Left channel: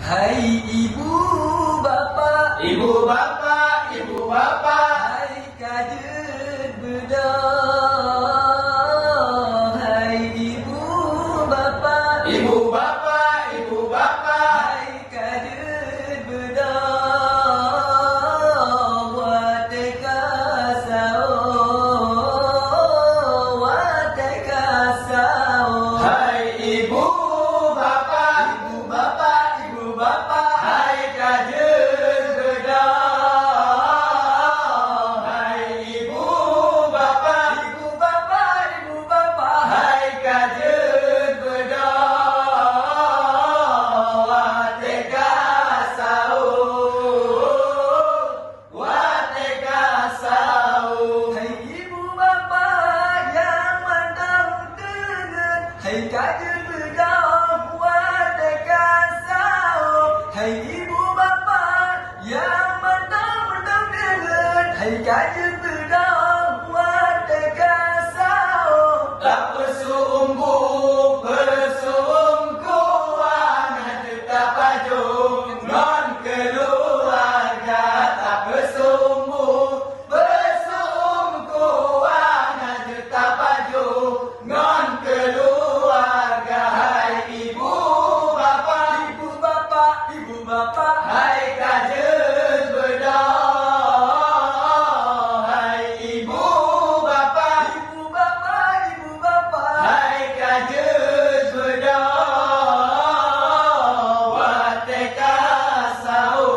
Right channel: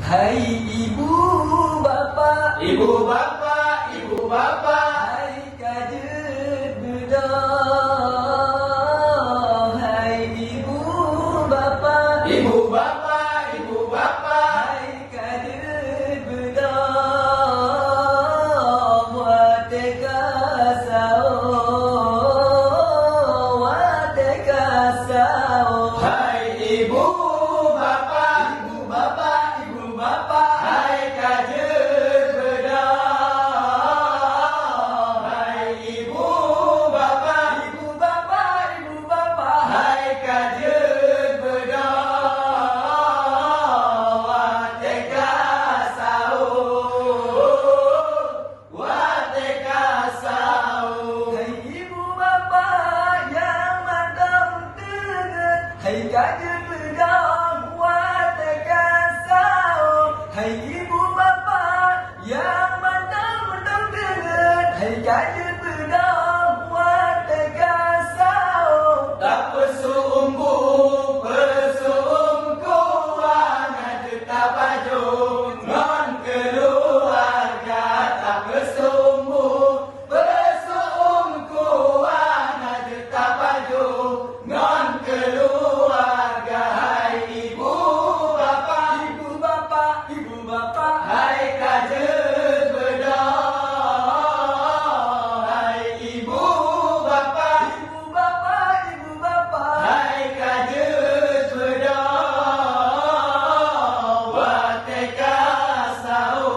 Hai ibu bapa, Ibu bapa, ibu bapa, hai kajet bedah. Hai ibu bapa, ibu bapa, ibu bapa, hai kajet bedah. Wateka sao, wateka sao. hai ibu bapa, Ibu bapa, ibu bapa, hai kajen bedah. Hai ibu bapa, ibu bapa, ibu bapa, hai kajen bedah. Wateka sao, wateka sao. hai ibu bapa yang mandang teget, hai kaje bedah wateka sao. Hai ibu bapa yang mandang teget, hai kaje bedah wateka sao. Tak bersumbu, bersumbu anak tetap baju non keluarga. Tak bersumbu, bersumbu anak tetap baju non keluarga. Hai ibu bapa, Ibu bapa, ibu bapa, hai kajen bedah. Hai ibu bapa, ibu bapa, ibu bapa. hai kajen bedah. Wateka sao,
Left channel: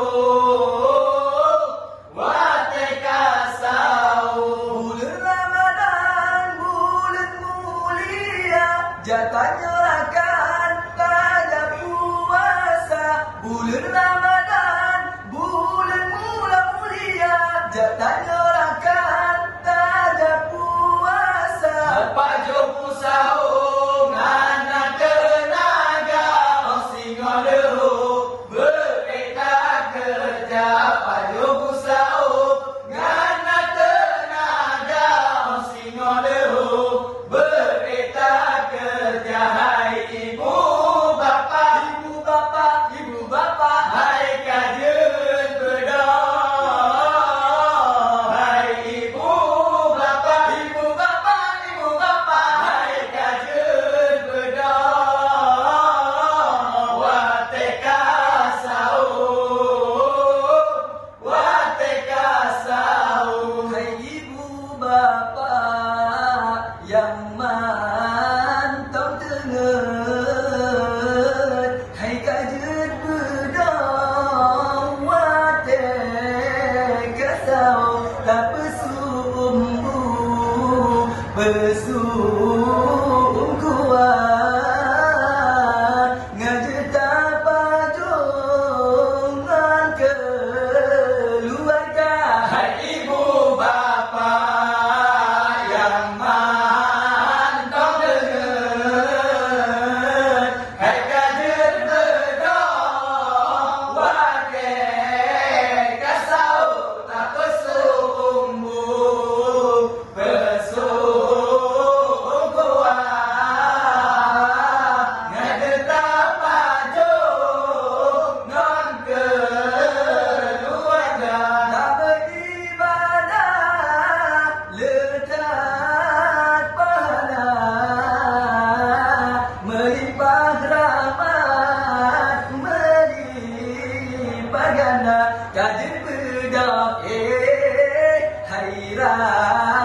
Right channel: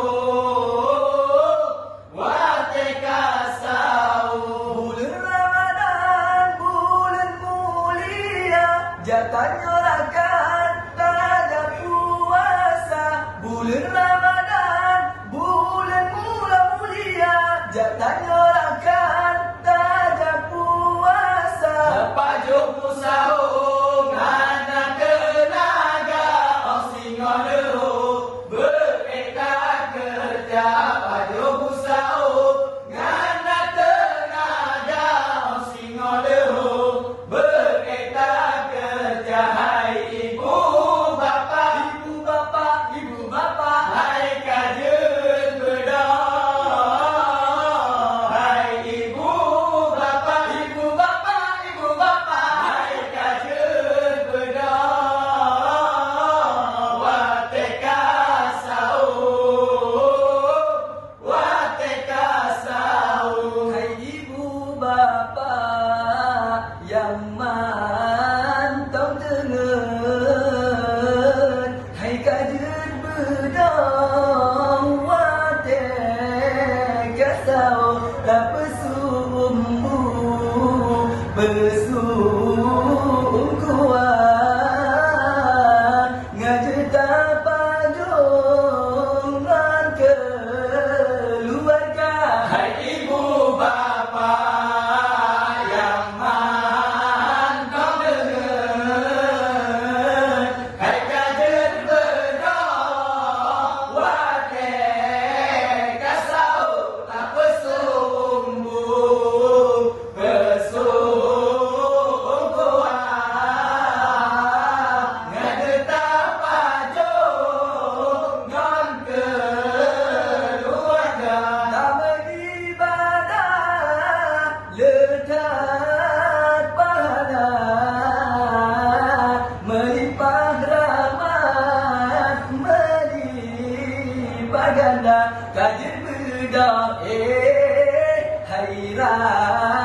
wateka sao. Bulan Ramadan, bulan mulia, jatahnya akan tada puasa. Bulan Ramadan, bulan mulia, jatahnya akan tada puasa. Pak Jopo Sao ngana tenaga osing madeho berketa kerja. Pak Jopo Sao ngana tenaga osing madeho berketa kerja. Hai ibu bapa, Ibu bapa, ibu bapa, hai kajen bedah. Hai ibu bapa, ibu bapa, ibu bapa. hai kajen bedah. Wateka sao, wateka sao. Hai ibu bapa yang mantap dengar, hai kajet bedang wate kasau. Tak bersumbu, bersungguhan, ngajeta pajongan keluarga. Hai ibu bapa yang mantap dengar, hai kajen bedah. Wateka sao, tak bersumbu, bersungguhan, ngajeta pajongan keluarga. Tak beribadah, lekat pahala, melimpah rahmat, melimpah ganda. Kajen bedah, hai raya.